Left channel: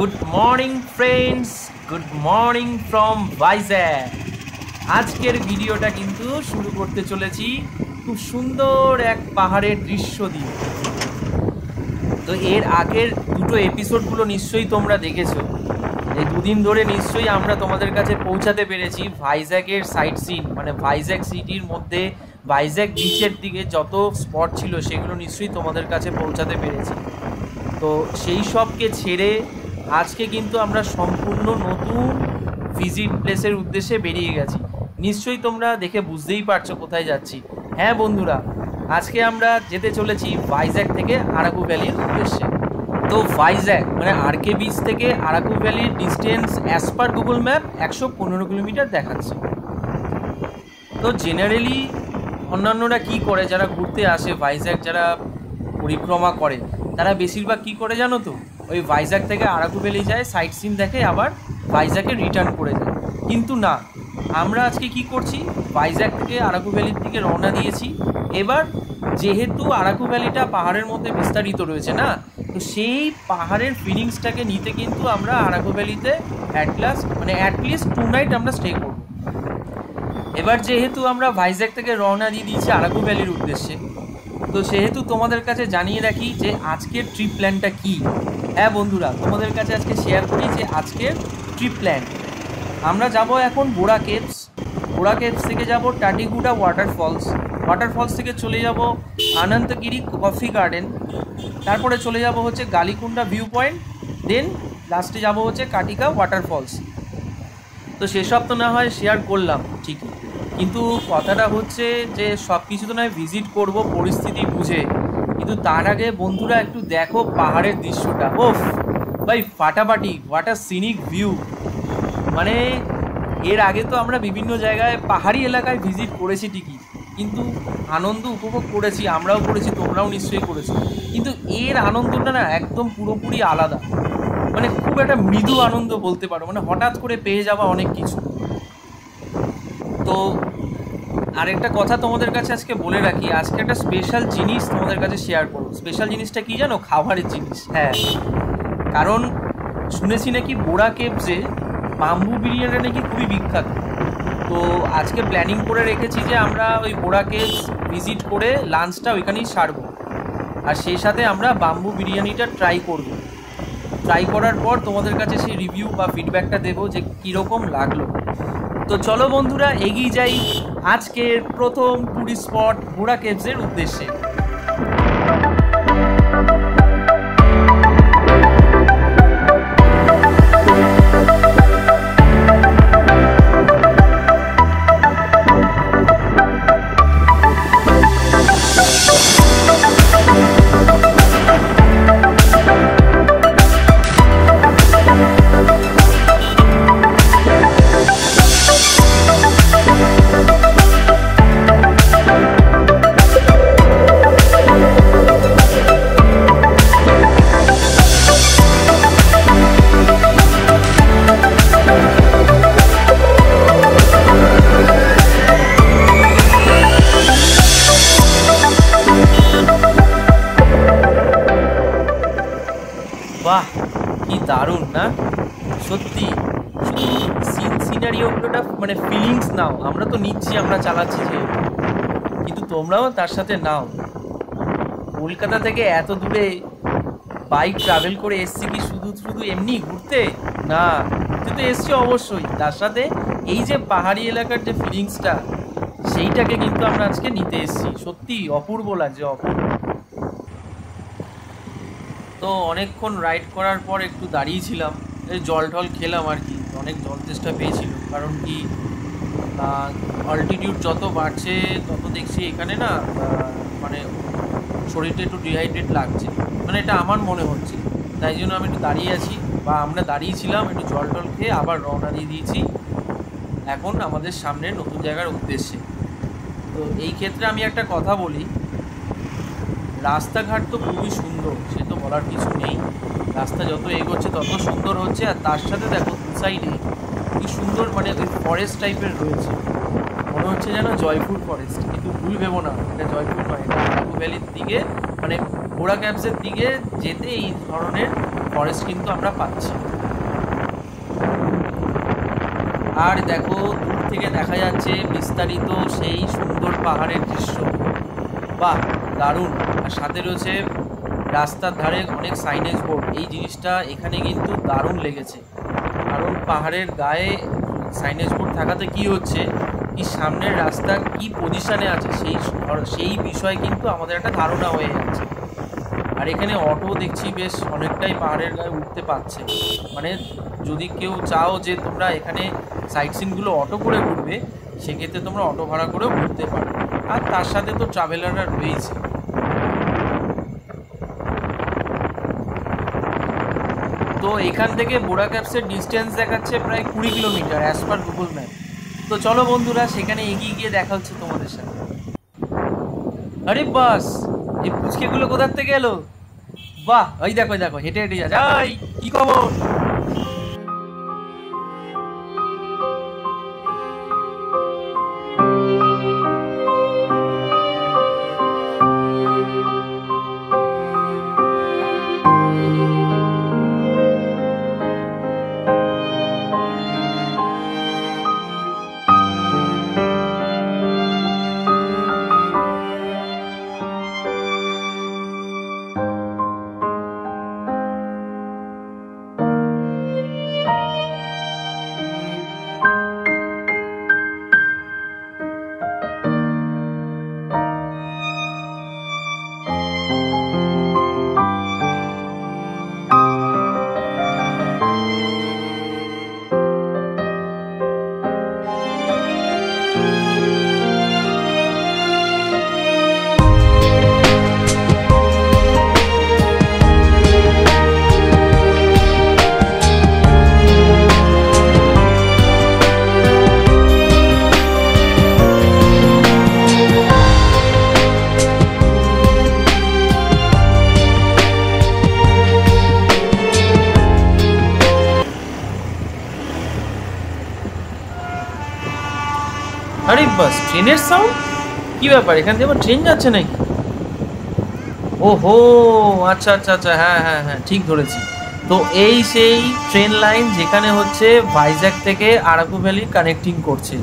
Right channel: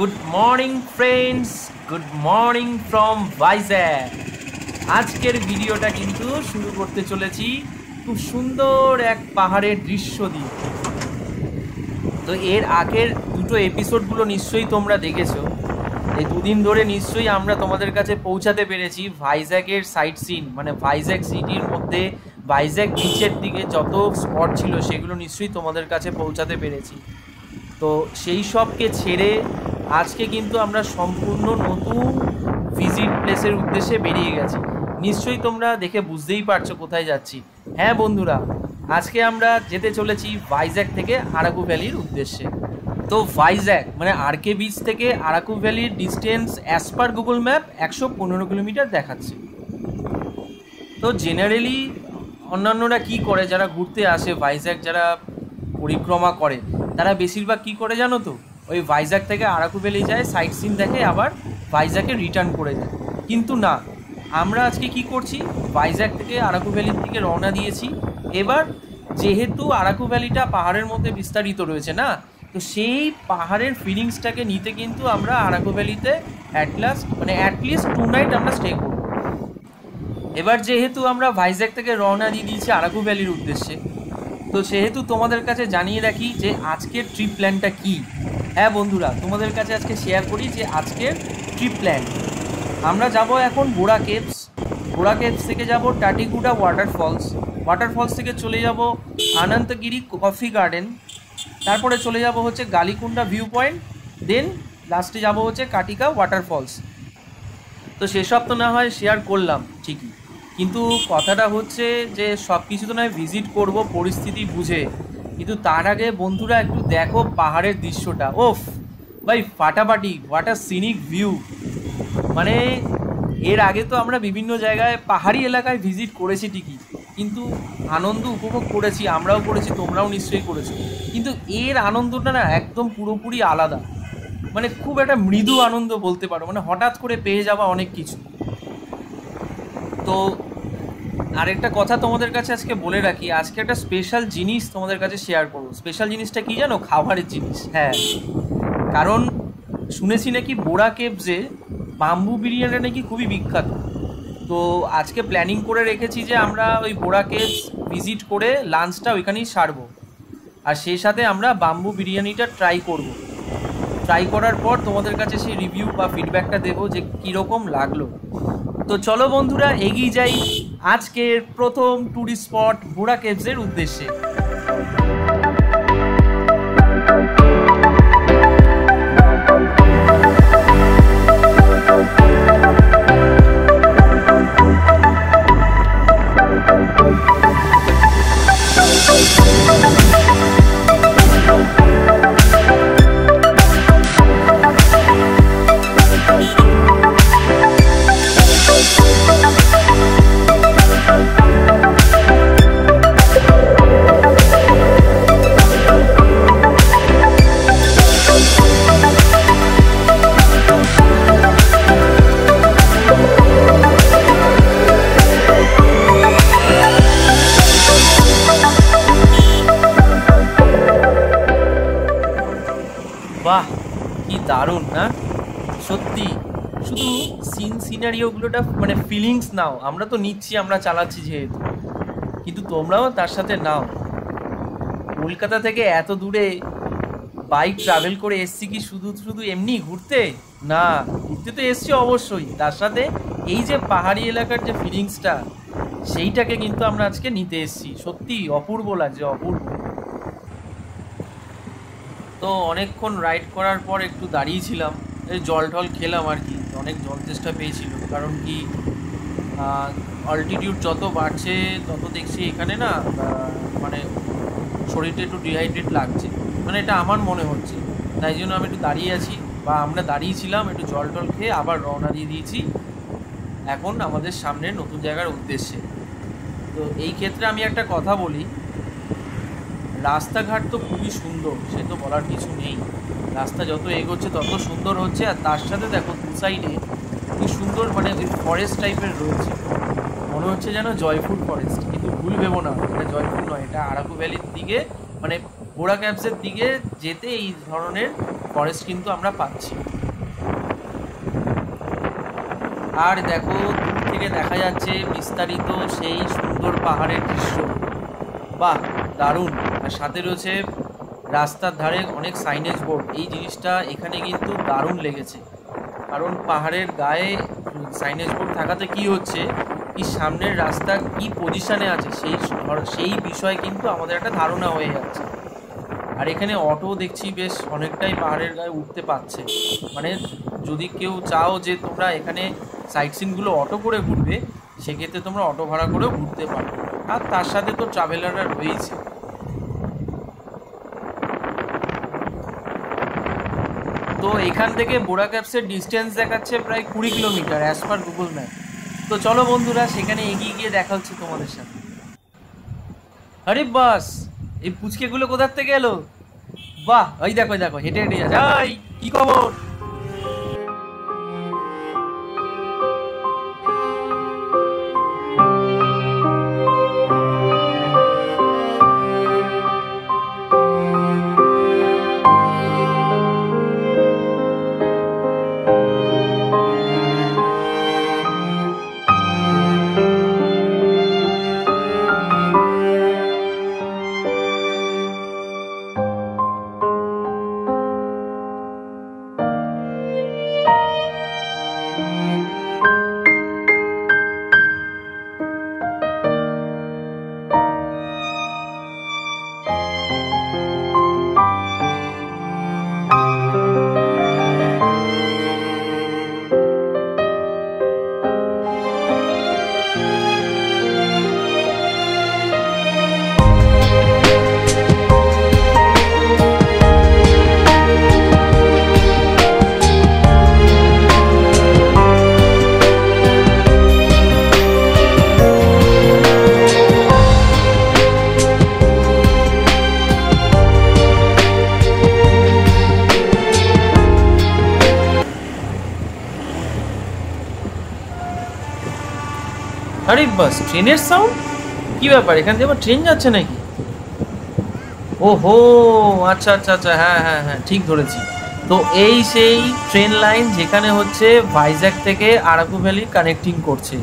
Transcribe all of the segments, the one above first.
Good morning friends, good morning from Vizag. আজকের ভিডিওটা কিন্তু শুরু করতে চলেছি খুব সুন্দর এক পাহাড়ের দৃশ্য দিয়ে। তো এর আগের দুটো এপিসোডগুলো নিশ্চয়ই তোমরা দেখেছো। এই দুদিন ধরে নিশ্চয়ই আমরা তোমাদের কাছে পৌঁছাতে পেরেছি ভাইজ্যাগের সাইট সিন, মানে ভাইজ্যাগ সিটির মধ্যে ভাইজ্যাগ বিচের দিকে যত স্পট ছিল সেগুলো নিশ্চয়ই তোমাদের কাছে পৌঁছাতে পেরেছি। তো সেই সবকে ছেড়ে আজকে কিন্তু আমরা সম্পূর্ণ নতুন ভিজিট প্লেসের উদ্দেশ্যে বেরিয়ে গেছি। নিশ্চয়ই তোমরা দেখে বুঝতেই পারছো কোথায় যাচ্ছি। হ্যাঁ বন্ধুরা, আজকে আমরা যেতে চলেছি ভাইজ্যাগ থেকে আরাকু ভ্যালির উদ্দেশ্যে। তো ভাইজ্যাগ মানে আরকে বিচ থেকে আরাকু ভ্যালির distance as per Google map 115 kilometre দেখাচ্ছে। তো জেনারেলি অন্যান্যরা কি করে, যারা ঘুরতে আসে ভাইজ্যাগ, যারা পরিক্রমা করে, তারা বেশিরভাগ কি করে জানো তো, ওই ভাইজ্যাগ থেকে আরাকু ভ্যালি যায়, সাইট সিন দেখে, আবার ভাইজ্যাগে রিটার্ন করে যায়। কিন্তু না, আমরা আজকে কি করছি, ভাইজ্যাগ থেকে আরাকু ভ্যালির দিকে রওনা দিয়েছি। এবার যেহেতু আরাকু ভ্যালিটা পাহাড়ের মধ্যে বিস্তারিত রয়েছে না, তো সেই পাহাড়ের ফিলিংসটাকে নিতে কিন্তু আমরা আরাকু ভ্যালিতে অ্যাটলিস্ট 2 নাইট আমরা স্টে করব। এবার যেহেতু আমরা ভাইজ্যাগ থেকে রওনা দিয়ে দিয়েছি আরাকু ভ্যালির উদ্দেশ্যে, তো সেহেতু তোমাদের কাছে জানিয়ে রাখি যে আজকের ট্রিপ প্ল্যানটা কী। হ্যাঁ বন্ধুরা, তোমাদের কাছে আজকে শেয়ার করি যে আজকের ট্রিপ প্ল্যান। আমরা যাব এখন বোরা কেভস। বোরা কেভস থেকে যাব টাটিগুডা ওয়াটারফলস থেকে চলে যাব আনন্তগিরি কফি গার্ডেন, তারপরে চলে যাব হচ্ছে গালিকুন্ডা ভিউ পয়েন্ট, দেন লাস্টে যাব হচ্ছে কাটিকা ওয়াটারফলস। তো সেসব তো না হয় শেয়ার করলাম ঠিকই, কিন্তু কথাটা হচ্ছে যে সব কিছু তো নয় ভিজিট করব পরিস্থিতি বুঝে, কিন্তু তার আগে বন্ধুরা একটু দেখো পাহাড়ের দৃশ্যটা। ওফ ভাই ফাটাফাটি, হোয়াট আ সিনিক ভিউ। মানে এর আগে তো আমরা বিভিন্ন জায়গায় পাহাড়ি এলাকায় ভিজিট করেছি ঠিকই, কিন্তু আনন্দ উপভোগ করেছি, আমরাও করেছি, তোমরাও নিশ্চয়ই করেছো, কিন্তু এর আনন্দটা না একদম পুরোপুরি আলাদা। মানে খুব একটা মৃদু আনন্দ বলতে পারো, মানে হঠাৎ করে পেয়ে যাওয়া অনেক কিছু। তো আরেকটা কথা তোমাদের কাছে আজকে বলে রাখি, আজকে একটা স্পেশাল জিনিস তোমাদের কাছে শেয়ার করবো। স্পেশাল জিনিসটা কি জানো? খাবারের জিনিস। হ্যাঁ, কারণ শুনেছি নাকি বোরা কেভসে বাম্বু বিরিয়ানিটা নাকি খুবই বিখ্যাত। তো আজকে প্ল্যানিং করে রেখেছি যে আমরা ওই বোরা কেভস ভিজিট করে লাঞ্চটা ওইখানেই সারবো, আর সেই সাথে আমরা বাম্বু বিরিয়ানিটা ট্রাই করব। ট্রাই করার পর তোমাদের কাছে সেই রিভিউ বা ফিডব্যাকটা দেবো যে কীরকম লাগলো। তো চলো বন্ধুরা এগিয়ে যাই আজকের প্রথম ট্যুরিস্ট স্পট বোরা কেভসের উদ্দেশ্যে। বাহ, কি দারুণ না সত্যি। শুধু সিনারিওগুলোটা মানে ফিলিংস নাও, আমরা তো নিচ্ছি, আমরা চালাচ্ছি যেহেতু, কিন্তু তোমরাও তার সাথে নাও। কলকাতা থেকে এত দূরে বাইক ট্রাভেল করে এসছি কি শুধু শুধু এমনি ঘুরতে? না, ঘুরতে তো এসছি অবশ্যই, তার সাথে এই যে পাহাড়ি এলাকার যে ফিলিংসটা, সেইটাকে কিন্তু আমরা আজকে নিতে এসছি। সত্যি অপূর্ব লাগছে, অপূর্ব। তো অনেকক্ষণ রাইড করার পর একটু দাঁড়িয়েছিলাম, এই জল টল খেলাম আর কি। অনেক জল তেষ্টা পেয়েছিল, কারণ কি অল্টিটিউড যত বাড়ছে তত দেখছি এখানে না মানে শরীরটা একটু ডিহাইড্রেট লাগছে, মানে এটা আমার মনে হচ্ছে। তাই জন্য আমি একটু দাঁড়িয়ে আছি, বা আমরা দাঁড়িয়েছিলাম, একটু জল টল খেয়ে আবার রওনা দিয়ে দিয়েছি এখন আমাদের সামনের নতুন জায়গার উদ্দেশ্যে। তো এই ক্ষেত্রে আমি একটা কথা বলি, রাস্তাঘাট তো খুবই সুন্দর, সে তো বলার কিছু নেই। রাস্তা যত এগোচ্ছে তত সুন্দর হচ্ছে, আর তার সাথে দেখো দু সাইডে কি সুন্দর, মানে ওই ফরেস্ট টাইপের রয়েছে, মনে হচ্ছে যেন জয়পুর ফরেস্ট। কিন্তু ভুল ভেবো না, এটা জয়পুর নয়, এটা আরাকু ভ্যালির দিকে মানে বোরা কেভসের দিকে যেতে এই ধরনের ফরেস্ট কিন্তু আমরা পাচ্ছি। আর দেখো দূর থেকে দেখা যাচ্ছে বিস্তারিত সেই সুন্দর পাহাড়ের দৃশ্য, বাহ দারুণ। আর সাথে রয়েছে রাস্তার ধারে অনেক সাইনেজ বোর্ড। এই জিনিসটা এখানে কিন্তু দারুণ লেগেছে, কারণ পাহাড়ের গায়ে সাইনেজ বোর্ড থাকাতে কি হচ্ছে, কি সামনের রাস্তা কি পজিশনে আছে সেই বিষয়ে কিন্তু আমাদের একটা ধারণা হয়ে যাচ্ছে। আর এখানে অটো দেখছি বেশ অনেকটাই পাহাড়ের গায়ে উঠতে পারছে, মানে যদি কেউ চাও যে তোমরা এখানে সাইট সিনগুলো অটো করে ঘুরবে, সেক্ষেত্রে তোমরা অটো ভাড়া করেও ঘুরতে পারো। আর তার সাথে তো ট্রাভেলাররা রয়েছে। তো এখান থেকে বোরা ক্যাপসের ডিস্টেন্স দেখাচ্ছে প্রায় 20 kilometre as per Google map. তো চলো বন্ধুরা সেখানে এগিয়ে গিয়ে দেখা হচ্ছে তোমাদের সাথে। আরে বাস, এই পুচকেগুলো কোথার থেকে এলো? বাহ, ওই দেখো দেখো হেঁটে হেঁটে যাচ্ছে। কি খবর? আরে বাস, ট্রেনের সাউন্ড, কি ব্যাপার? এখান থেকে আবার ট্রেন যাচ্ছে নাকি? ওহো, আচ্ছা আচ্ছা আচ্ছা, হ্যাঁ হ্যাঁ হ্যাঁ, ঠিক ধরেছি। তো এই সেই ট্রেন লাইন যেখানে হচ্ছে ভাইজ্যাক থেকে আরাকু ভ্যালি কানেক্টিং করছে।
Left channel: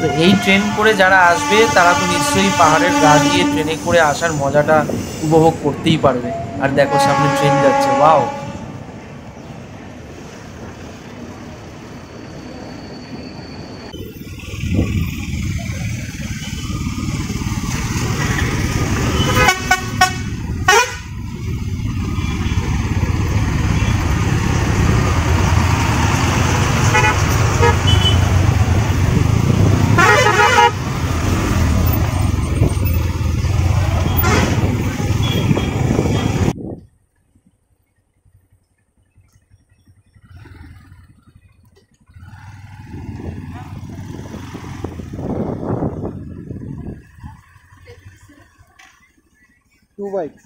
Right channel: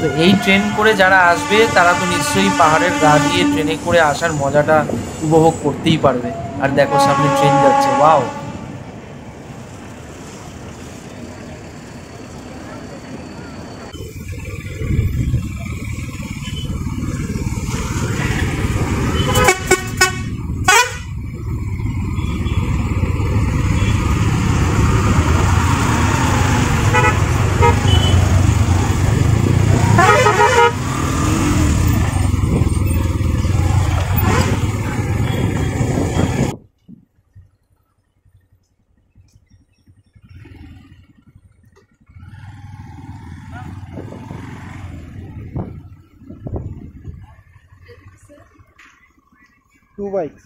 তো এই ট্রেন করে যারা আসবে তারা তো নিশ্চয়ই পাহাড়ের গা দিয়ে ট্রেনে করে আসার মজাটা উপভোগ করতেই পারবে। আর দেখো সামনে ট্রেন যাচ্ছে, ওয়াও। Two bikes.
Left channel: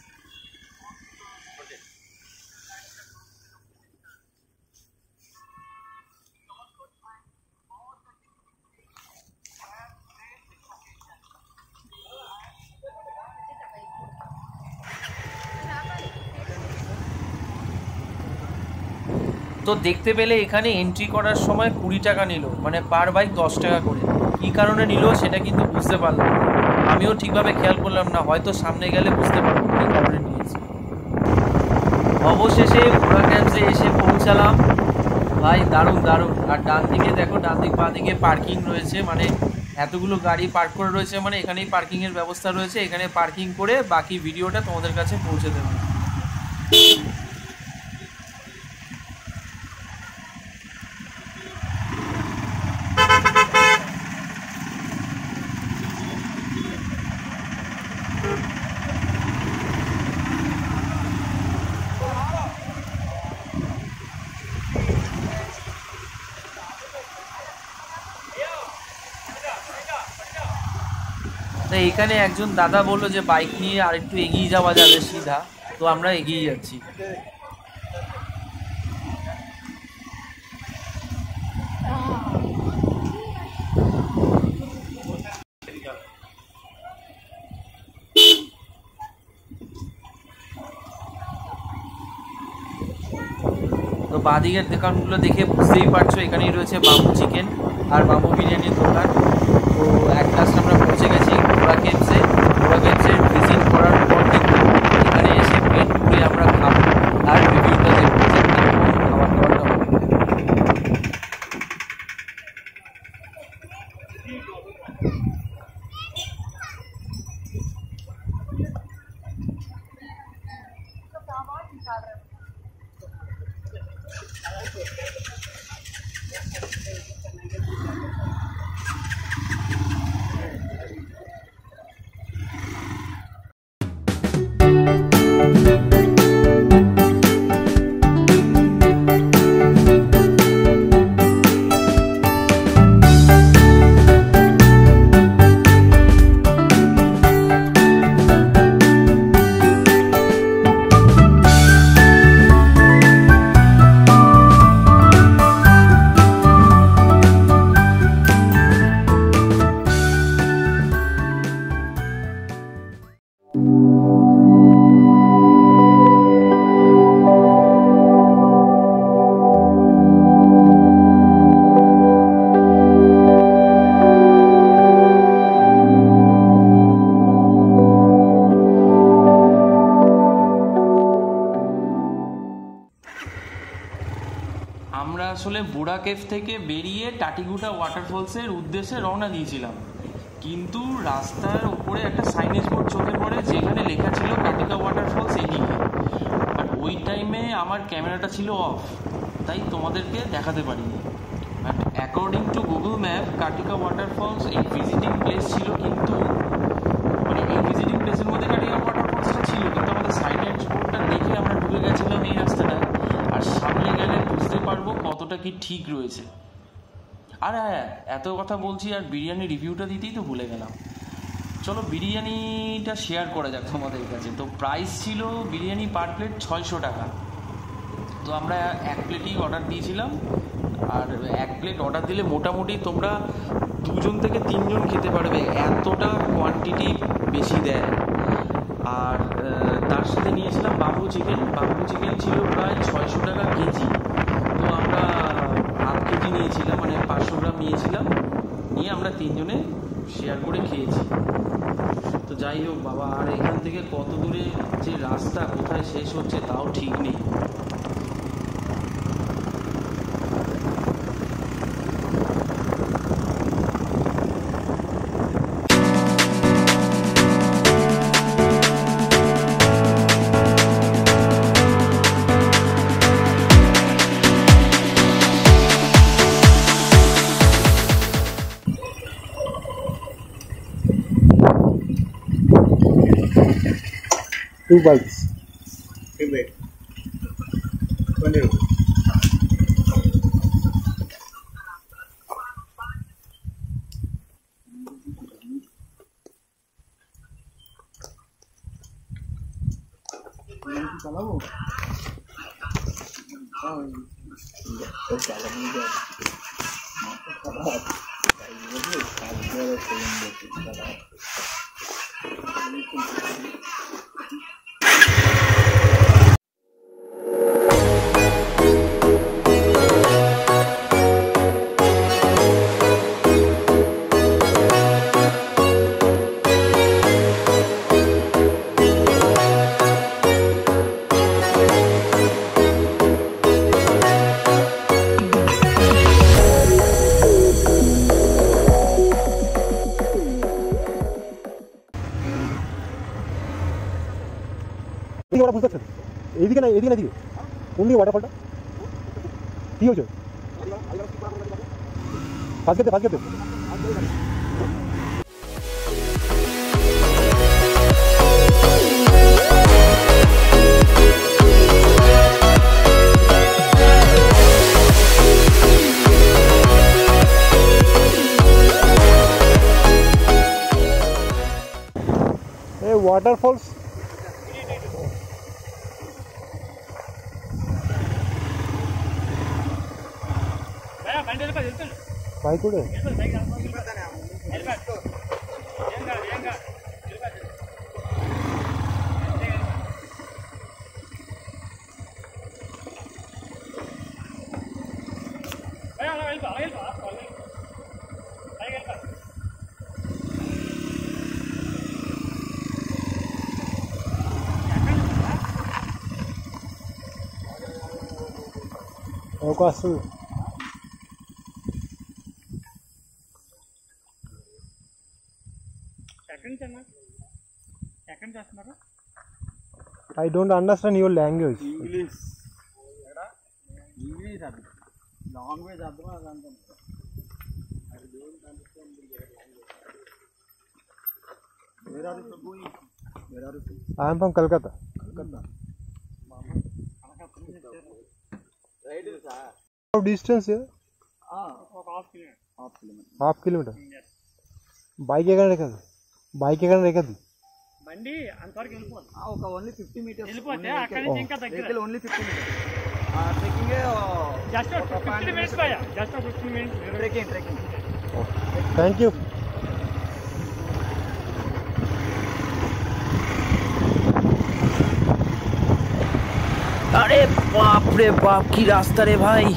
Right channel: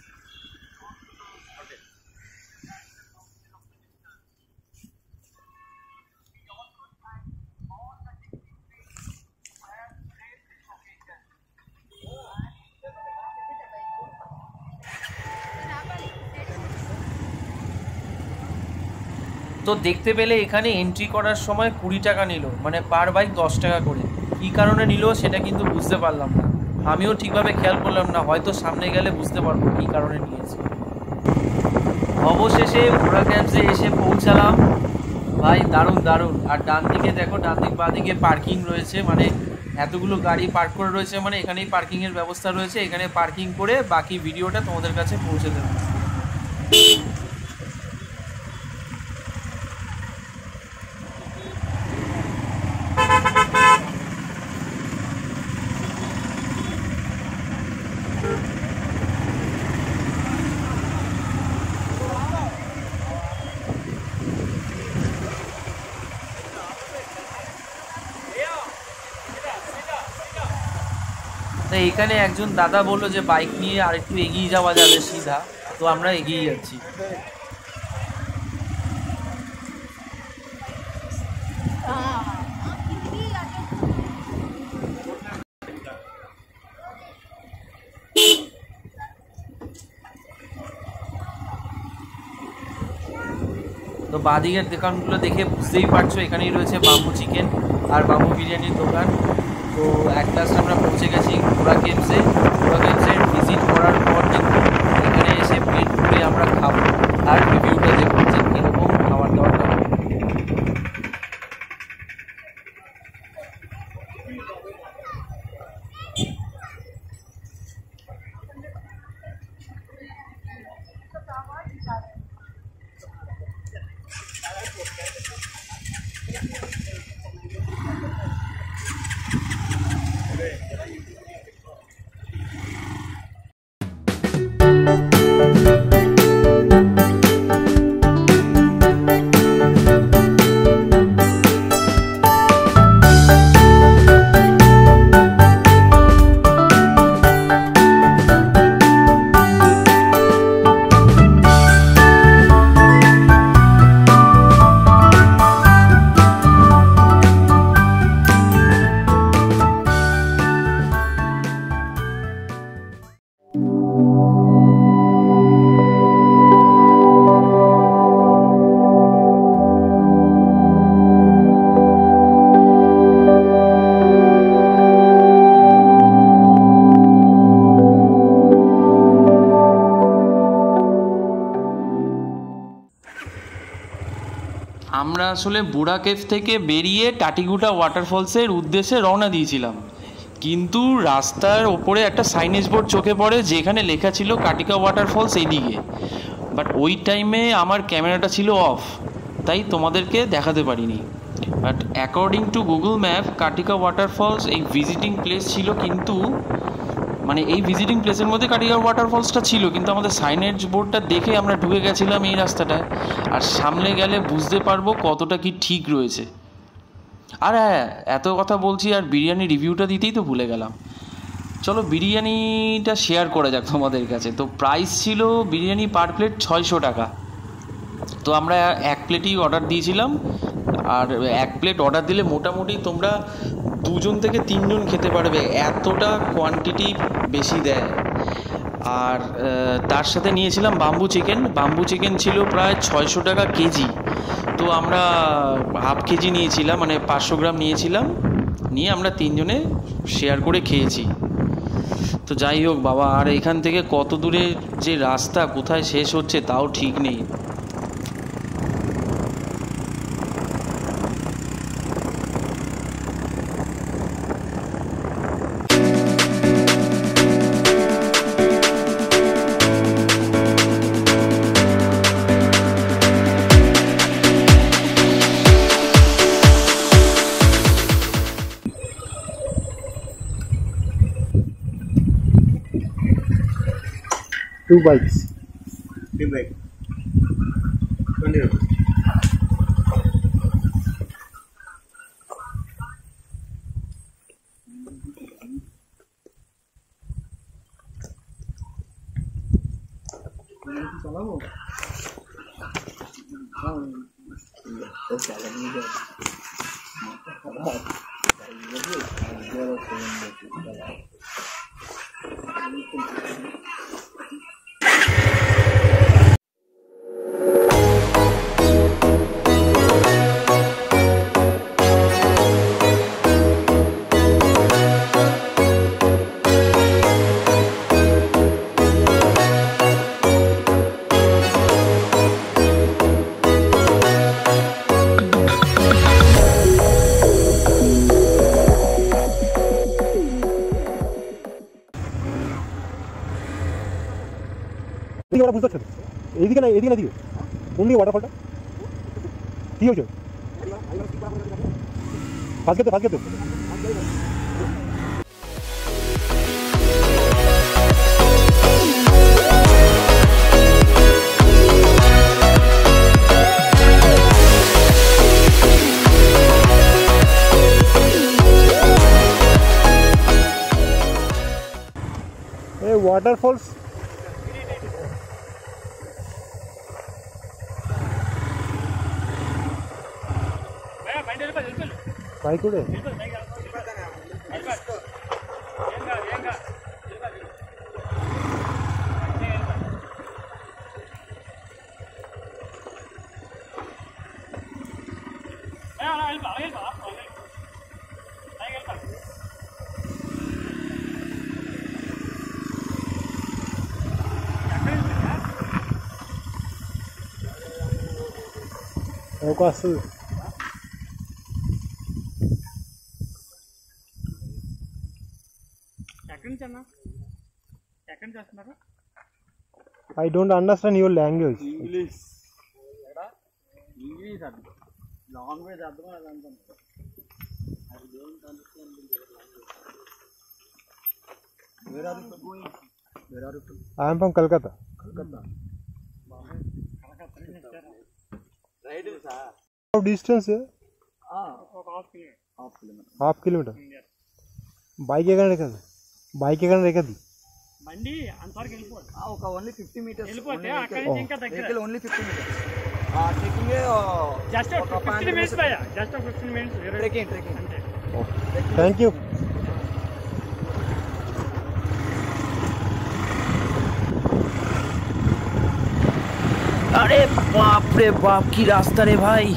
তো দেখতে পেলে এখানে এন্ট্রি করার সময় 20 টাকা নিল, মানে পার বাইক 10 টাকা করে। কী কারণে নিল সেটা কিন্তু বুঝতে পারলাম না, আমিও ঠিকভাবে খেয়াল করলাম না, হয়তো সামনে গেলে বুঝতে পারবো কী কারণে নিয়েছি। অবশেষে বোরা ক্যাম্পসে এসে পৌঁছালাম। ভাই দারুণ দারুণ। আর ডান দিকে দেখো, ডান দিক বাঁ দিকে পার্কিং রয়েছে, মানে এতগুলো গাড়ি পার্ক করে রয়েছে, মানে এখানেই পার্কিংয়ের ব্যবস্থা রয়েছে। এখানে পার্কিং করে বাকি ভিডিওটা তোমাদের কাছে পৌঁছে দেবো। তো এখানে একজন দাদা বললো যে বাইক নিয়ে আর একটু এগিয়ে যাওয়া যাবে সিধা, তো আমরা এগিয়ে যাচ্ছি। তো বাঁদিকের দোকানগুলো দেখে বুঝতেই পারছো, এখানেই রয়েছে বাম্বু চিকেন আর বাম্বু বিরিয়ানির দোকান। তো এক লাস্ট আমরা পৌঁছে গেছি বুড়া কেভসে। বুড়া কেভসের ভিজিট করার পর কিন্তু এখানে এসে পেট পুড়ে আমরা খাবো আর রিভিউটা দেবো যে কীরকম খাবার দাবারটা হবে। আমরা আসলে বুড়া কেভ থেকে বেরিয়ে টাটিগুটা ওয়াটারফলসের উদ্দেশ্যে রওনা দিয়েছিলাম, কিন্তু রাস্তার ওপরে একটা সাইনেজ বোর্ড চোখে পড়ে যেখানে লেখা ছিল কাটিকা ওয়াটারফলস এইদিকে। বাট ওই টাইমে আমার ক্যামেরাটা ছিল অফ, তাই তোমাদেরকে দেখাতে পারিনি। But according to Google map Katika waterfalls এই ভিজিটিং প্লেস ছিল, কিন্তু মানে এই ভিজিটিং প্লেসের মধ্যে কাটিকা ওয়াটারফলসটা ছিল, কিন্তু আমাদের সাইনেজ বোর্ডটা দেখে আমরা ঢুকে গেছিলাম এই রাস্তাটায়। আর সামনে গেলে বুঝতে পারবো কতটা কি ঠিক রয়েছে। আর হ্যাঁ, এত কথা বলছি আর বিরিয়ানি রিভিউটা দিতেই তো ভুলে গেলাম। চলো বিরিয়ানিটা শেয়ার করা যাক তোমাদের কাছে। তো প্রাইস ছিল বিরিয়ানি পার প্লেট 600 টাকা। তো আমরা এক প্লেটই অর্ডার দিয়েছিলাম, আর এক প্লেট অর্ডার দিলে মোটামুটি তোমরা 2 থেকে 3 খেতে পারবে, এতটা কোয়ান্টিটি বেশি দেয়। আর তার সাথে নিয়েছিলাম বাম্বু চিকেন। বাম্বু চিকেন ছিল প্রায় 600 টাকা কেজি। তো আমরা হাফ কেজি নিয়েছিলাম, মানে 500 গ্রাম নিয়েছিলাম, নিয়ে আমরা 3 শেয়ার করে খেয়েছি। তো যাই হোক বাবা, আর এখান থেকে কত দূরে যে রাস্তা, কোথায় শেষ হচ্ছে তাও ঠিক নেই। Two bites. 20 rupees. চালাবো বুঝতে পারছেন? এদিকে না, এদিকে না, দিকে ওয়াটারফলটা ঠিক আছে। বাদ খেতে waterfalls bike ude అవకాశం I don't understand your language. English language అర్థం అదంతా I am from Kolkata. How distance here? Half kilometer. Bike ఎక్కడ రేఖది? Bike ఎక్కడ రేఖది? బండి అంతవరకు వెళ్ళిపోదు. ఒక ఓన్లీ 50 మీటర్స్ వెళ్ళిపోతే అక్కడ నుంచి ఇంకా దగ్గర. Vehicle only 50 metres. Trekking just 15 minutes లాయా. Just 15 minutes trekking. Thank you. अरे बाप रे बाप की रास्ता रे भाई।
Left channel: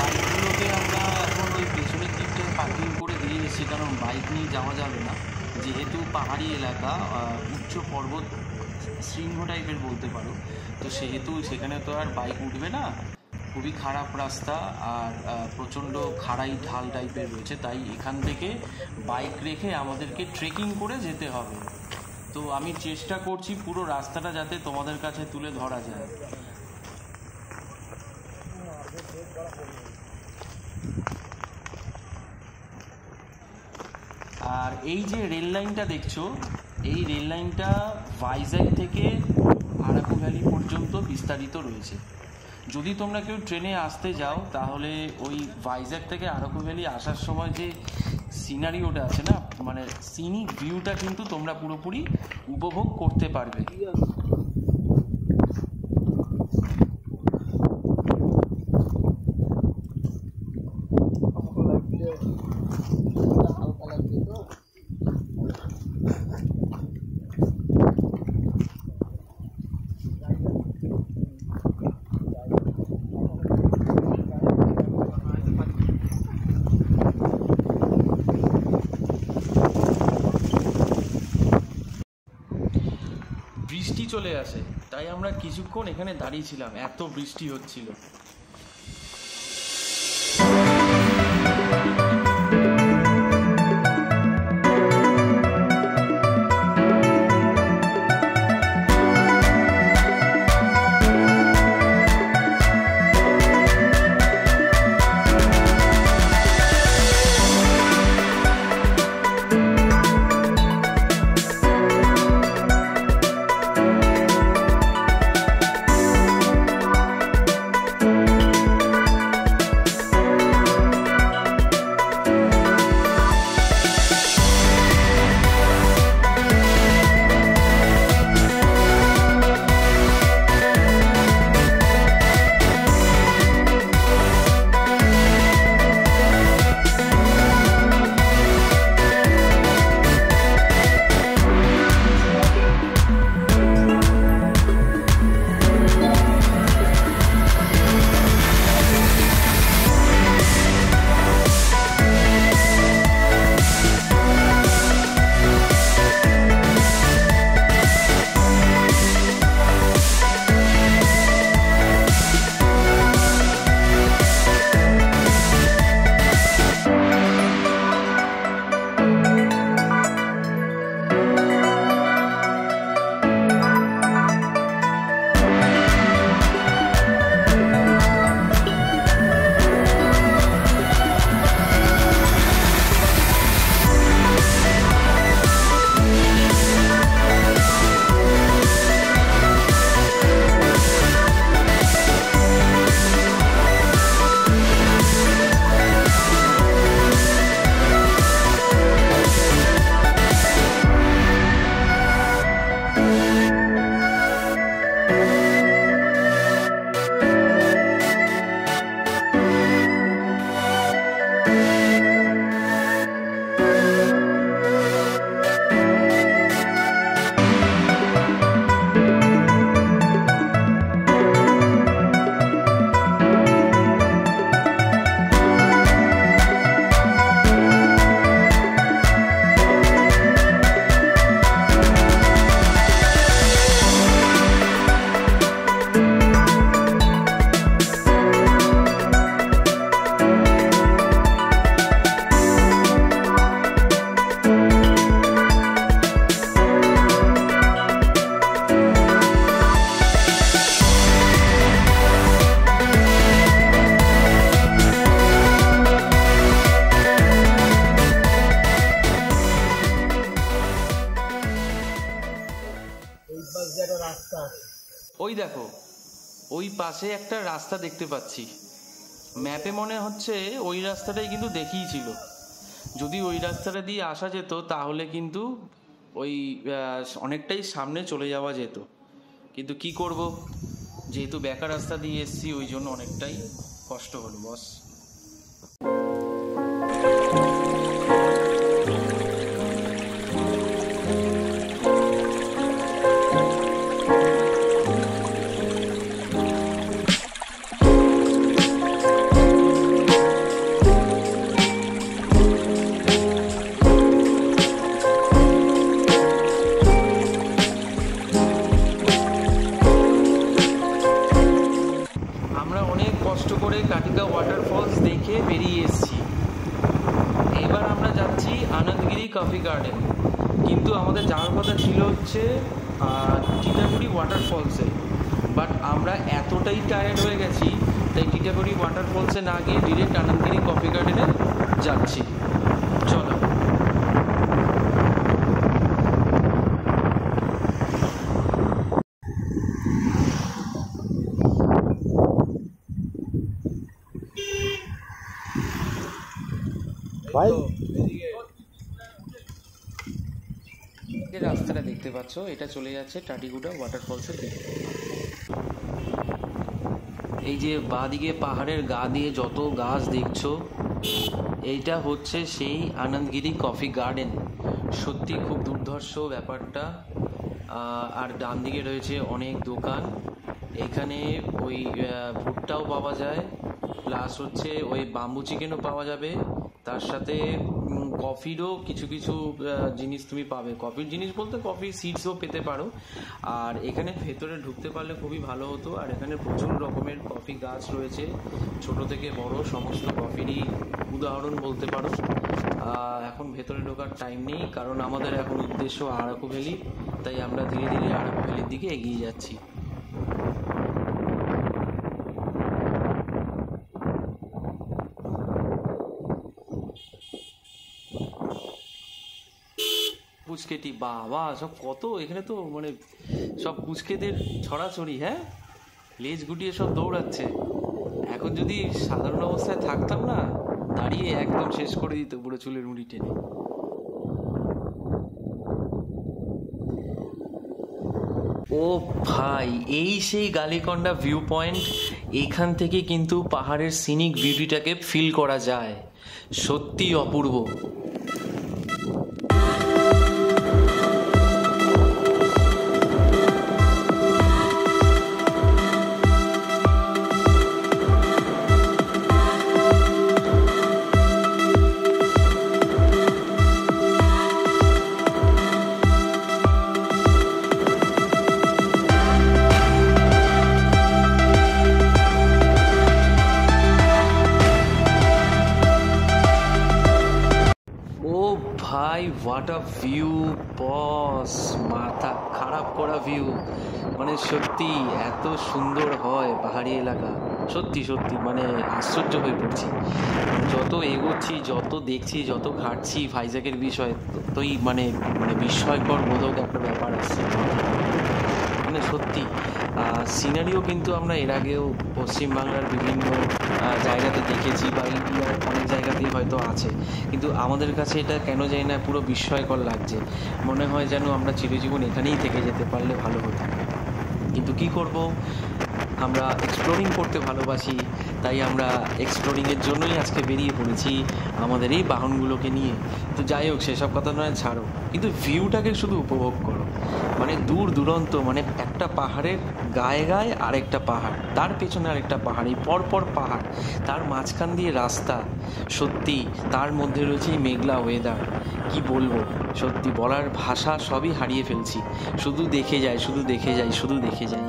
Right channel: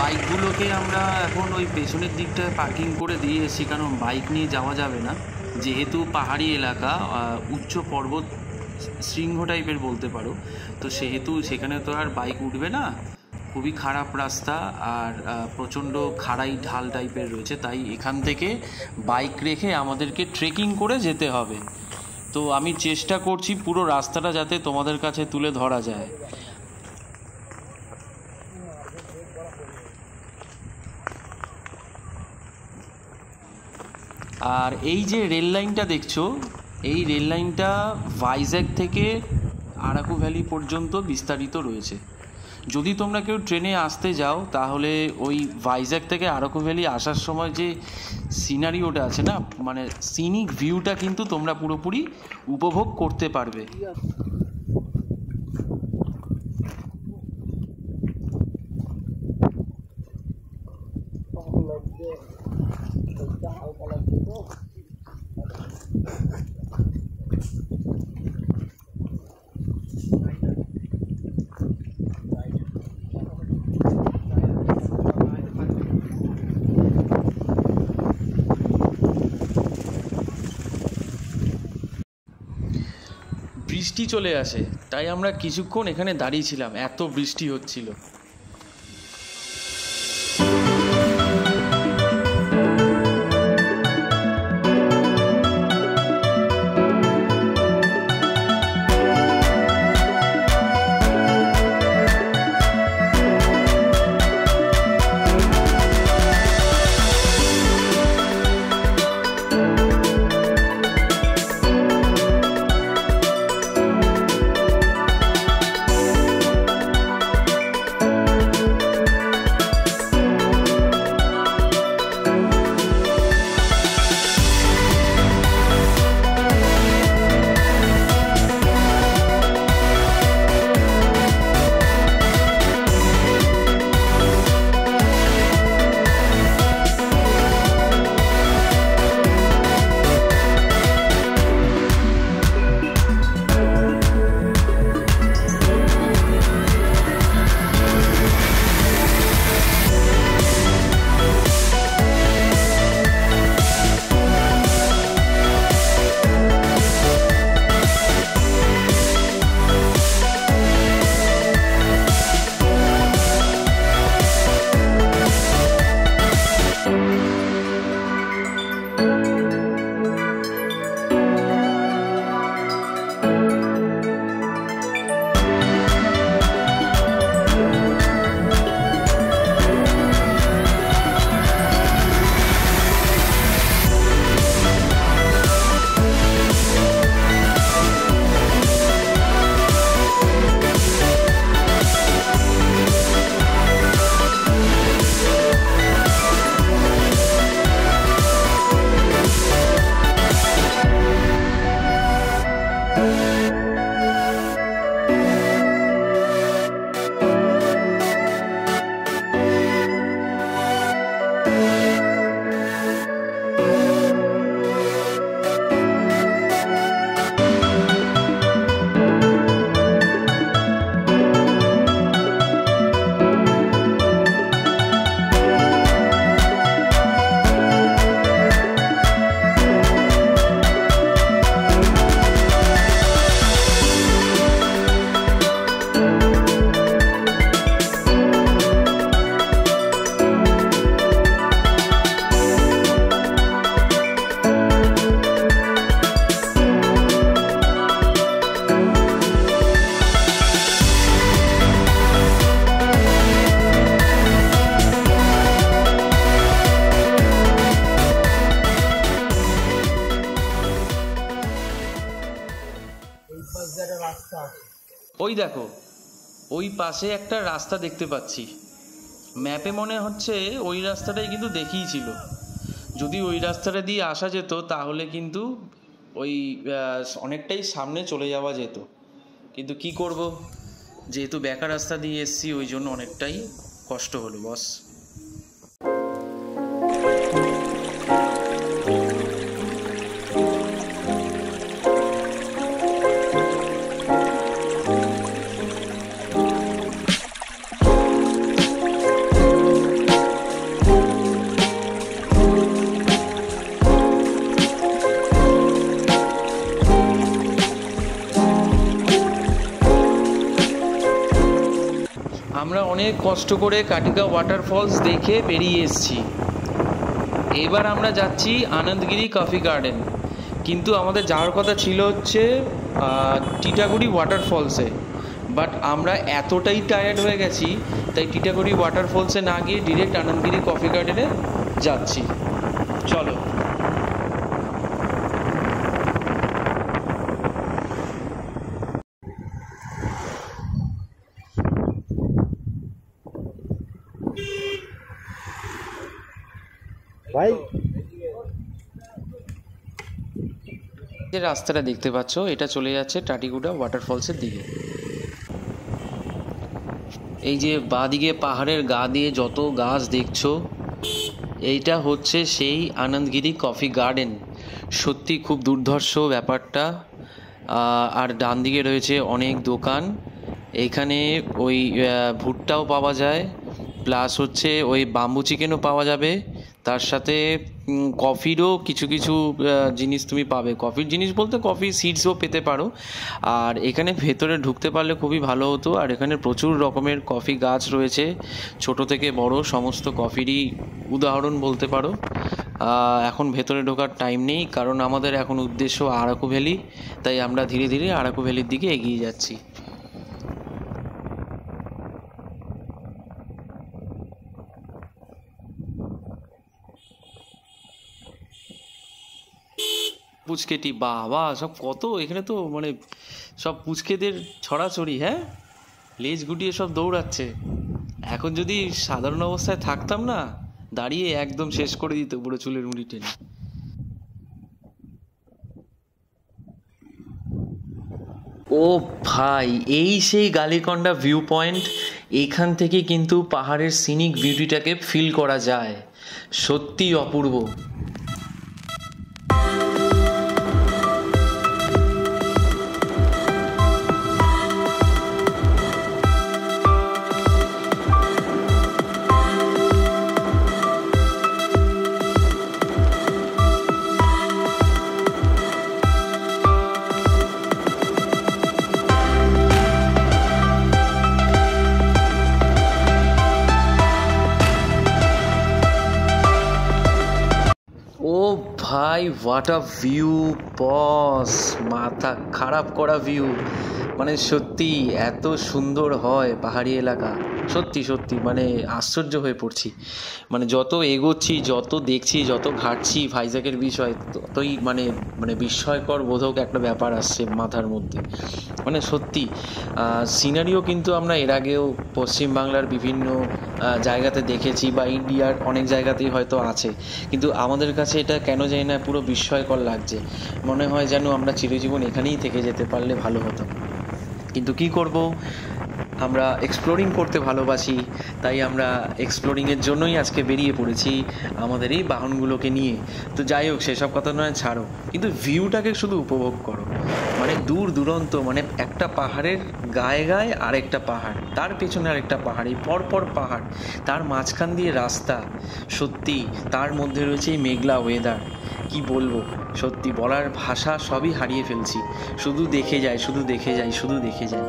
বাইকগুলোকে আমরা এখন ওই পেছনের দিকটায় পার্কিং করে দিয়ে এসেছি, কারণ বাইক নিয়ে যাওয়া যাবে না, যেহেতু পাহাড়ি এলাকা, উচ্চ পর্বত শৃঙ্গ টাইপের বলতে পারো, তো সেহেতু সেখানে তো আর বাইক উঠবে না, খুবই খারাপ রাস্তা আর প্রচণ্ড খাড়াই ঢাল টাইপের রয়েছে, তাই এখান থেকে বাইক রেখে আমাদেরকে ট্রেকিং করে যেতে হবে। তো আমি চেষ্টা করছি পুরো রাস্তাটা যাতে তোমাদের কাছে তুলে ধরা যায়। আর এই যে রেল লাইনটা দেখছো, এই রেল লাইনটা ভাইজ্যাগ থেকে আরাকু ভ্যালি পর্যন্ত বিস্তারিত রয়েছে। যদি তোমরা কেউ ট্রেনে আসতে যাও তাহলে ওই ভাইজ্যাগ থেকে আরাকু ভ্যালি আসার সময় যে সিনারিওটা আছে না, মানে সিনিক ভিউটা কিন্তু তোমরা পুরোপুরি উপভোগ করতে পারবে। বৃষ্টি চলে আসে, তাই আমরা কিছুক্ষণ এখানে দাঁড়িয়েছিলাম, এত বৃষ্টি হচ্ছিল। ওই দেখো, ওই পাশে একটা রাস্তা দেখতে পাচ্ছি। ম্যাপে মনে হচ্ছে ওই রাস্তাটাই কিন্তু দেখিয়েছিল। যদি ওই রাস্তাটা দিয়ে আসা যেত তাহলে কিন্তু ওই অনেকটাই সামনে চলে যাওয়া যেত, কিন্তু কি করব, যেহেতু বেকার রাস্তা দিয়ে এসছি ওই জন্য অনেকটাই কষ্ট হলো বস। আমরা অনেক কষ্ট করে কাটিকা ওয়াটারফলস দেখে বেরিয়ে এসেছি। এবার আমরা যাচ্ছি আনন্দগিরি কফি গার্ডেন, কিন্তু আমাদের যাওয়ার কথা ছিল হচ্ছে টিটাগড়ি ওয়াটারফলসে, বাট আমরা এতটাই টায়ার্ড হয়ে গেছি তাই টিটাগড়ি ওয়াটারফলসে না গিয়ে ডিরেক্ট আনন্দগিরি কফি গার্ডেনে যাচ্ছি। চলো। ভাই যে রাস্তাটা দেখতে পাচ্ছ এটা চলে যাচ্ছে টাটিগুড়া ওয়াটারফলসের দিকে। এই যে বাঁদিকে পাহাড়ের গা দিয়ে যত গাছ দেখছো, এইটা হচ্ছে সেই আনন্দগিরি কফি গার্ডেন। সত্যি খুব দুর্ধর্ষ ব্যাপারটা। আর ডান দিকে রয়েছে অনেক দোকান। এইখানে ওই ভুট্টাও পাওয়া যায়, প্লাস হচ্ছে ওই বাম্বু চিকেনও পাওয়া যাবে, তার সাথে কফিরও কিছু কিছু জিনিস তুমি পাবে। কফির জিনিস বলতে কফি সিডসও পেতে পারো। আর এখানে ভেতরে ঢুকতে পারলে খুবই ভালো হতো। আর এখানে প্রচুর রকমের কফি গাছ রয়েছে, ছোট থেকে বড় সমস্ত কফিরই উদাহরণ বলতে পারো। এখন ভেতরে ঢোকার টাইম নেই, কারণ আমাদের এখন উদ্দেশ্য আরাকু ভ্যালি, তাই আমরা ধীরে ধীরে আরাকু ভ্যালির দিকে এগিয়ে যাচ্ছি। পুচকেটি বাবা, সব কত এখানে তো মানে সব পুচকেদের ছড়াছড়ি। হ্যাঁ, লেজ গুটিয়ে সব দৌড়াচ্ছে। এখন যদি সাধারণ অবস্থায় থাকতাম না, দাঁড়িয়ে একদম শেষ করে দিত পুরো চুলের মুড়ি টেনে। ও ভাই, এই সেই গালিকন্ডা ভিউ পয়েন্ট। এইখান থেকে কিন্তু পাহাড়ের সিনিক বিউটিটাকে ফিল করা যায়। সত্যি অপূর্ব। ভাই হোয়াট আ ভিউ বস, মাথা খারাপ করা ভিউ। মানে সত্যি এত সুন্দর হয় পাহাড়ি এলাকা, সত্যি সত্যি মানে আশ্চর্য হয়ে পড়ছি। মানে যত এগোচ্ছি, যত দেখছি, যত ঘাটছি ভাইজ্যাকের বিষয়, ততই মানে মানে বিস্ময়কর বোধক একটা ব্যাপার আসছে মাথার মধ্যে। মানে সত্যি সিনারিও কিন্তু আমরা এর আগেও পশ্চিমবাংলার বিভিন্ন জায়গাতে দেখেছি, বা ইন্ডিয়ার অনেক জায়গাতেই হয়তো আছে, কিন্তু আমাদের কাছে এটা কেন জানি না পুরো বিস্ময়কর লাগছে। মনে হয় যেন আমরা চিরজীবন এখানেই থেকে যেতে পারলে ভালো হতো, কিন্তু কি করব, আমরা এক্সপ্লোরিং করতে ভালোবাসি, তাই আমরা এক্সপ্লোরিংয়ের জন্যই আজকে বেরিয়ে পড়েছি আমাদের এই বাহনগুলোকে নিয়ে। তো যাই হোক, সেসব কথা নয়, ছাড়ো, কিন্তু ভিউটাকে শুধু উপভোগ করো। মানে দূর দূরান্ত, মানে একটা পাহাড়ের গায়ে গায়ে আরেকটা পাহাড়, তার পেছনে আরেকটা পাহাড়, এই পরপর পাহাড়, তার মাঝখান দিয়ে রাস্তা। সত্যি তার মধ্যে রয়েছে এই মেঘলা ওয়েদার। কি বলবো, সত্যি বলার ভাষা সবই হারিয়ে ফেলছি। শুধু দেখে যাই, শুধু দেখে যাই, শুধু দেখে যাই।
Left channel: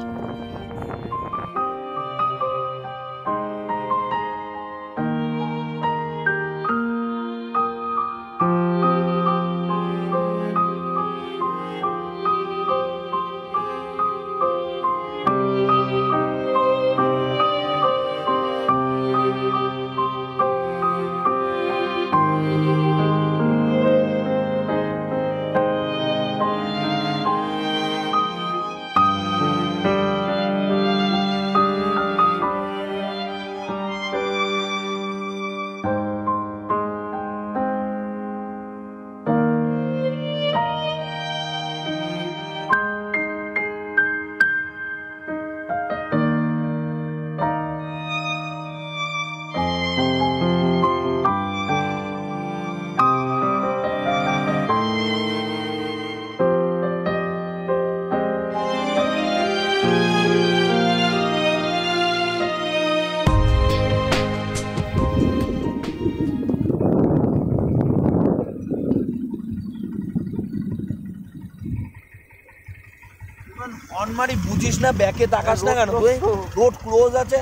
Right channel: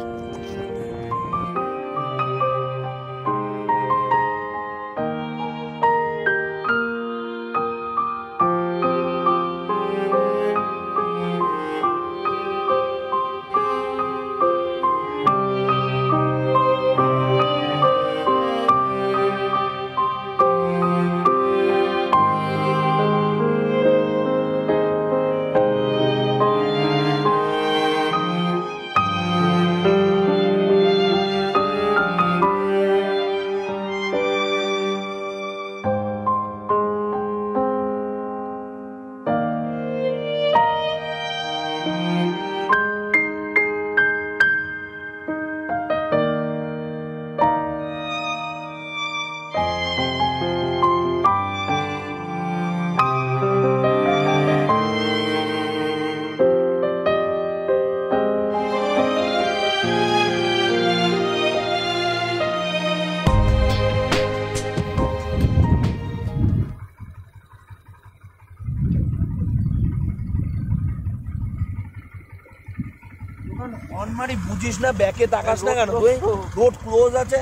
অনমারি বুঝিস না, ব্যাকে তাকাস না কেন তুই? রোড ক্লোজ আছে।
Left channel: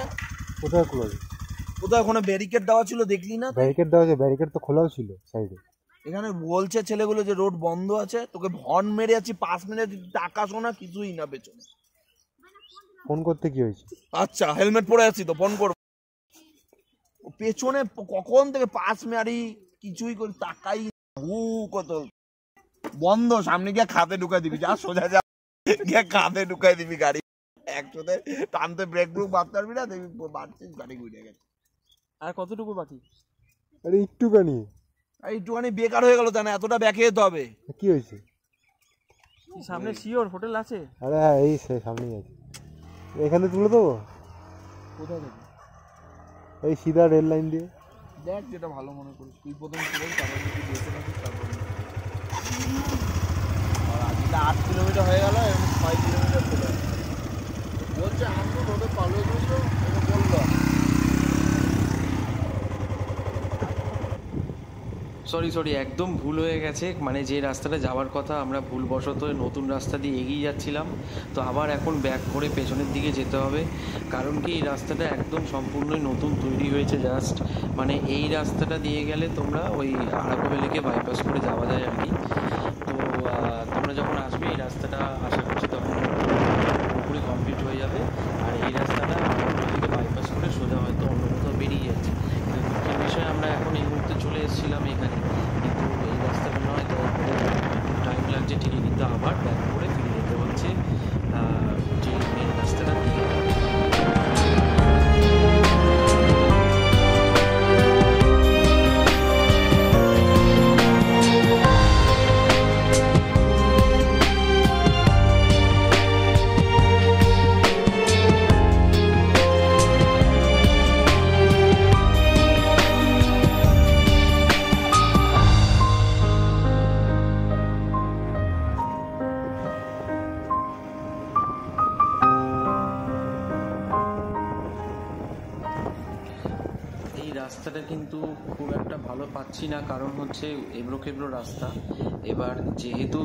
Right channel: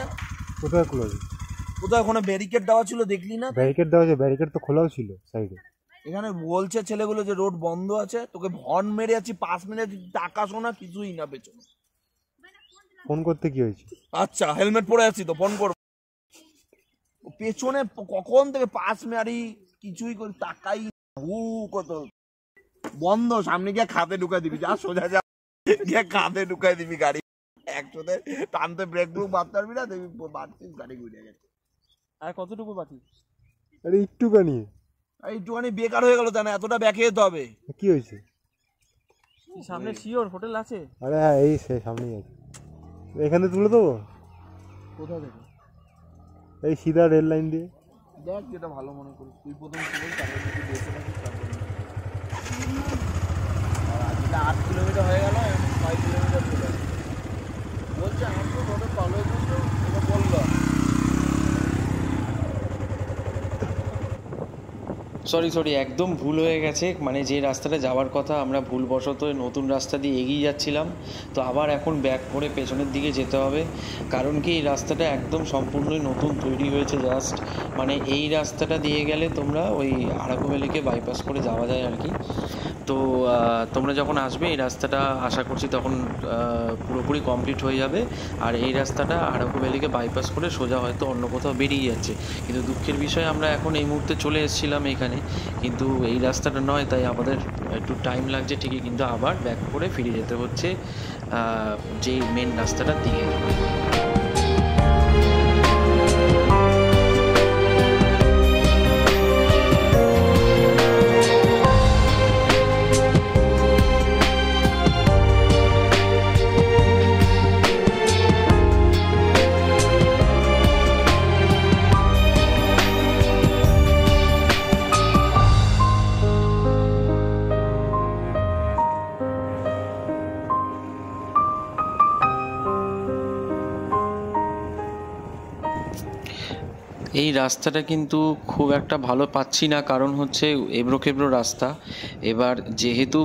কোথায় ক্লোজ? কোথায় ওখানে ব্যারিকেড দেওয়া ছিল দেখলি না? ব্যারিকেড দেওয়া আছে, ব্যারিকেড তো খোলাও ছিল সাইডে। এখানে বলছে ছেলেগুলো যে রোড বন্ধ আছে, তোকে হর্ন মেরে আছি 5 মিনিট, তাকাস না, কিছুই না পেছনে। ফোন করতে কি হয়েছে? আচ্ছা হেলমেট পরে আছি তো ফোন করব। পেছনে কখন থেকে 5 মারি, কিছুই করি তাকাই। কত বন্ধ, সামনে গিয়ে খাতে ঢুকাই দিবি, যা সোজা যা গিয়ে খাতে ঢুকাই দিবি গাড়ি। একসাথে টানতে ব্রেক ব্রুক মারতে পারবি না, দেখবি বাড়ছিস গাড়ি ঘুরে গেছে। আর কতটুকু বাকি? আরে একটুখানি, একটুখানি বেকার হয়ে গেল, জানা এতটা ব্যাকে যেতে হবে। কি হয়েছে? সামনে শিওর হোটেল আছে? আরে হ্যাঁ, এই সে সামনেই আছে। এখানে তুলে দেবো? কোথা থেকে? এই সিধা রেল লাইন দিয়ে। দেখ যেটা ভালো মনে করিস, তুই প্রথম ছিলেন, তারপর যদি বেঁচে থাকিস তারপর 8 কিলোমিটার হয়ে গেল, 5 কিলোমিটার চলে গেল। বলছে আমাকে বলে পালো দিত, এটা বললো। সরি একদম ভুল হয়ে গেছে, মানে যে রাস্তাটা যাওয়ার কথা আমরা ভুলবশত নতুন রাস্তা দিয়ে এগিয়ে যাচ্ছিলাম, তো আবার এখন ব্যাক করে পেছনের দিকে যেতে হবে। কারণ কি এই রাস্তাটা একদম সম্পূর্ণই নতুন তৈরি হয়েছে জাস্ট, মানে এই রাস্তাটা দিয়ে গেলে তোমরা ওই আরাকু ভ্যালিকে বাইপাস করে যাওয়া যায় আর কি। তো তোমরা যখন আসবে এই রাস্তাটা আশা করছি তখন পুরোপুরি কমপ্লিট হয়ে যাবে, আর এই রাস্তাটা আরাকু ভ্যালিকে বাইপাস করে সোজা হয়তো অন্য কোথাও বেরিয়ে যাচ্ছে। কিন্তু দুঃখের বিষয় আমরা এখন এই মুহূর্তে চলে এসেছিলাম এখানে, কিন্তু এই রাস্তাটা নয়, তাই আমাদের একটু টাইম লাগছে ঠিকই, কিন্তু আবার ব্যাক করে ফিরে যেতে হচ্ছে যে মেন রাস্তাটার দিকে। এই রাস্তাটা কিন্তু খুব একটা ভালো পাচ্ছি না, কারণ হচ্ছে এবড়ো রাস্তা। এবার যেহেতু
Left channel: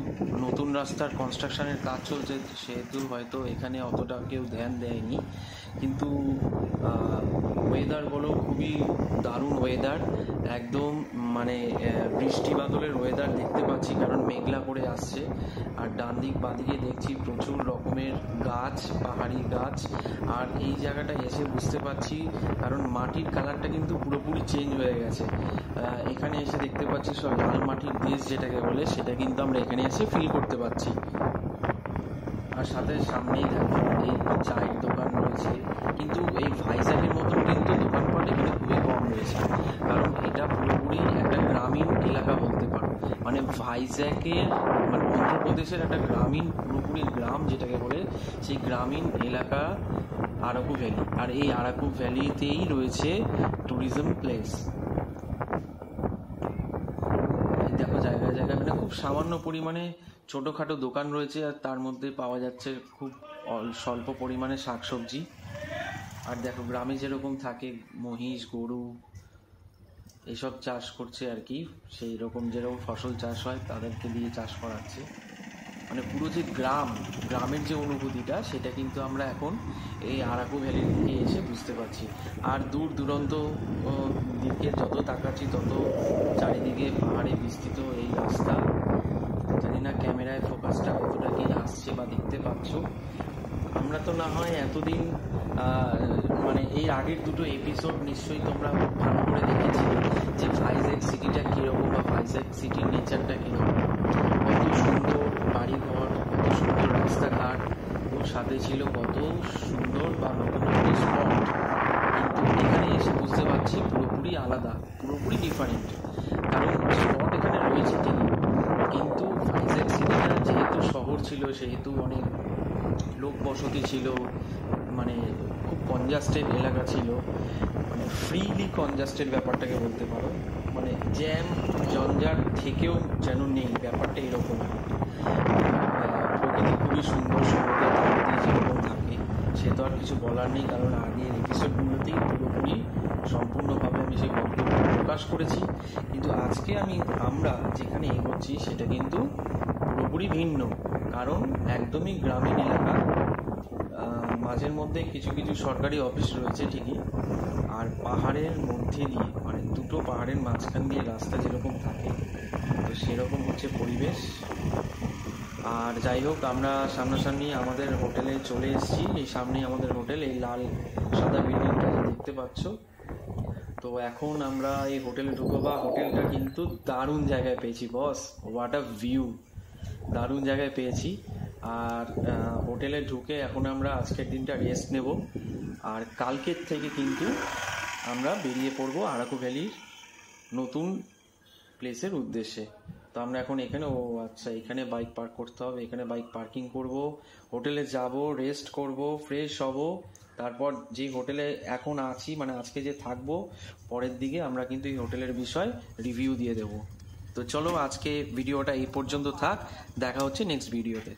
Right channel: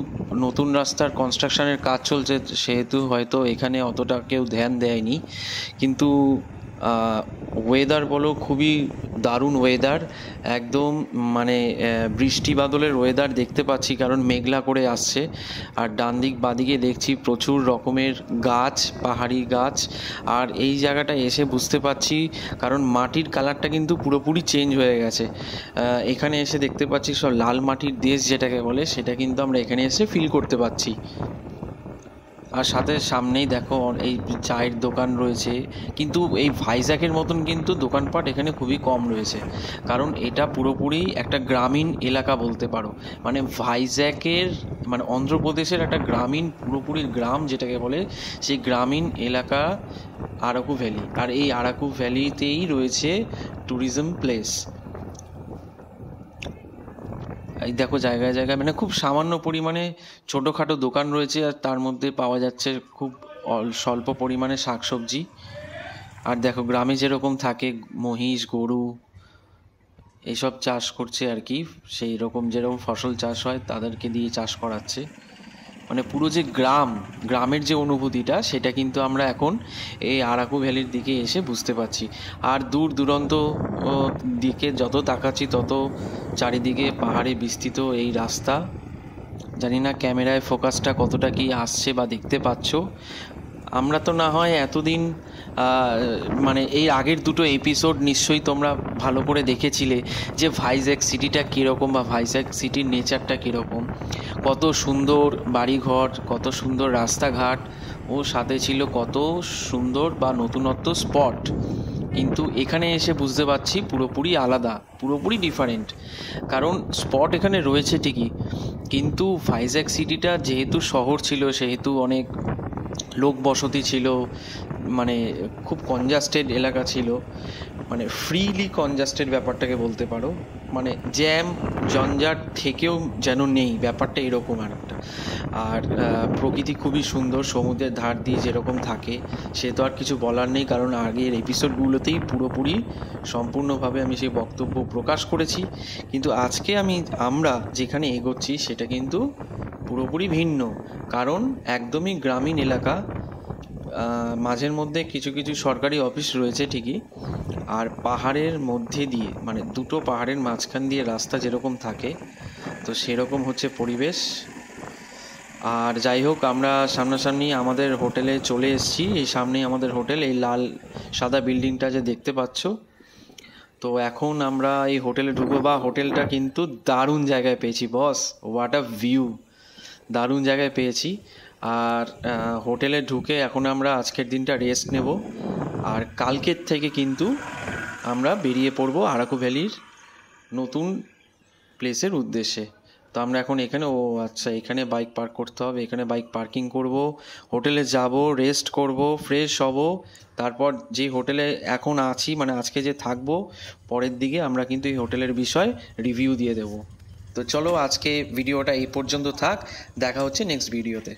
নতুন রাস্তার কনস্ট্রাকশনের কাজ চলছে, সেহেতু হয়তো এখানে অতটা কেউ ধ্যান দেয়নি, কিন্তু ওয়েদার বলো খুবই দারুণ ওয়েদার, একদম মানে বৃষ্টি বাদলের ওয়েদার দেখতে পাচ্ছি, কারণ মেঘলা করে আসছে। আর ডান দিক বাদিকে দেখছি প্রচুর রকমের গাছ, পাহাড়ি গাছ। আর এই জায়গাটা এসে বুঝতে পারছি, কারণ মাটির কালারটা কিন্তু পুরোপুরি চেঞ্জ হয়ে গেছে। এখানে এসে দেখতে পাচ্ছি সব লাল মাটির দেশ যেটাকে বলে, সেটা কিন্তু আমরা এখানে এসে ফিল করতে পারছি। আর সাথে সামনেই দেখো এই চায়ের দোকান রয়েছে, কিন্তু এই ভাইজ্যাগের মতন কিন্তু দোকানপাট এখানে খুবই কম রয়েছে, কারণ এটা পুরোপুরি একটা গ্রামীণ এলাকা বলতে পারো। মানে ভাইজ্যাগের মানে অন্ধ্রপ্রদেশের একটা গ্রামীণ, পুরোপুরি গ্রাম যেটাকে বলে, সেই গ্রামীণ এলাকা আরাকু ভ্যালি। আর এই আরাকু ভ্যালিতেই রয়েছে ট্যুরিজম প্লেস। এই দেখো জায়গায় জায়গায় মানে খুব সামান্য পরিমাণে ছোটোখাটো দোকান রয়েছে, আর তার মধ্যে পাওয়া যাচ্ছে খুব স্বল্প পরিমাণে শাকসবজি। আর দেখো গ্রামে যেরকম থাকে মহিষ, গরু এইসব চাষ করছে আর কি, সেই রকম যেরকম ফসল চাষ হয় তাদেরকে দিয়ে চাষ করাচ্ছে। মানে পুরো যে গ্রামের যে অনুভূতিটা, সেটা কিন্তু আমরা এখন এই আরাকু ভ্যালির দিকে এসে বুঝতে পারছি। আর দূর দূরান্ত দিকে যত তাকাচ্ছি তত চারিদিকে পাহাড়ে বিস্তৃত এই রাস্তা। জানি না ক্যামেরায় ফোকাসটা কতটা কি আসছে বা দেখতে পাচ্ছ। আমরা তো না হয় এতদিন মানে এই আগের দুটো এপিসোড নিশ্চয়ই তোমরা ভালো করে দেখেছিলে যে ভাইজ্যাগ সিটিটা কীরকম, বা ভাইজ্যাগ সিটির নেচারটা কীরকম, কত সুন্দর বাড়িঘর, কত সুন্দর রাস্তাঘাট, ও সাথে ছিল কত সুন্দর বা নতুনত্ব স্পট। কিন্তু এখানে এসে বুঝতে পারছি পুরোপুরি আলাদা, পুরোপুরি ডিফারেন্ট। কারণ স্পট এখানে রয়েছে ঠিকই, কিন্তু ভাইজ্যাগ সিটিটা যেহেতু শহর ছিল, সেহেতু অনেক লোক বসতি ছিল, মানে খুব কনজাস্টেড এলাকা ছিল, মানে ফ্রিলি কনজাস্টেড ব্যাপারটাকে বলতে পারো। মানে জ্যাম জঞ্জাট থেকেও যেন নেই, ব্যাপারটা এরকম একটা। আর প্রকৃতি খুবই সুন্দর, সমুদ্রের ধার দিয়ে যেরকম থাকে সে তো আর কিছু বলার নেই, কারণ আগের এপিসোডগুলোতেই পুরোপুরি সম্পূর্ণভাবে আমি সেই বক্তব্য প্রকাশ করেছি। কিন্তু আজকে আমরা যেখানে এগোচ্ছি সেটা কিন্তু পুরোপুরি ভিন্ন, কারণ একদমই গ্রামীণ এলাকা। মাঝের মধ্যে কিছু কিছু সরকারি অফিস রয়েছে ঠিকই, আর পাহাড়ের মধ্যে দিয়ে মানে দুটো পাহাড়ের মাঝখান দিয়ে রাস্তা যেরকম থাকে তো সেরকম হচ্ছে পরিবেশ। আর যাই হোক, আমরা সামনাসামনি আমাদের হোটেলে চলে এসেছি। সামনেই আমাদের হোটেল, এই লাল সাদা বিল্ডিংটা যে দেখতে পাচ্ছ। তো এখন আমরা এই হোটেলে ঢুকবো। বা হোটেলটা কিন্তু দারুণ জায়গায় পেয়েছি বস, হোয়াট আ ভিউ, দারুণ জায়গায় পেয়েছি। আর হোটেলে ঢুকে এখন আমরা আজকের দিনটা রেস্ট নেব, আর কালকের থেকে কিন্তু আমরা বেরিয়ে পড়বো আরাকু ভ্যালির নতুন প্লেসের উদ্দেশ্যে। তো আমরা এখন এখানে, ও আচ্ছা, এখানে বাইক পার্ক করতে হবে, এখানে বাইক পার্কিং করব, হোটেলে যাব, রেস্ট করব, ফ্রেশ হব, তারপর যে হোটেলে এখন আছি মানে আজকে যে থাকবো পরের দিকে আমরা কিন্তু এই হোটেলের বিষয় রিভিউ দিয়ে দেব। তো চলো আজকে ভিডিওটা এই পর্যন্ত থাক, দেখা হচ্ছে নেক্সট ভিডিওতে।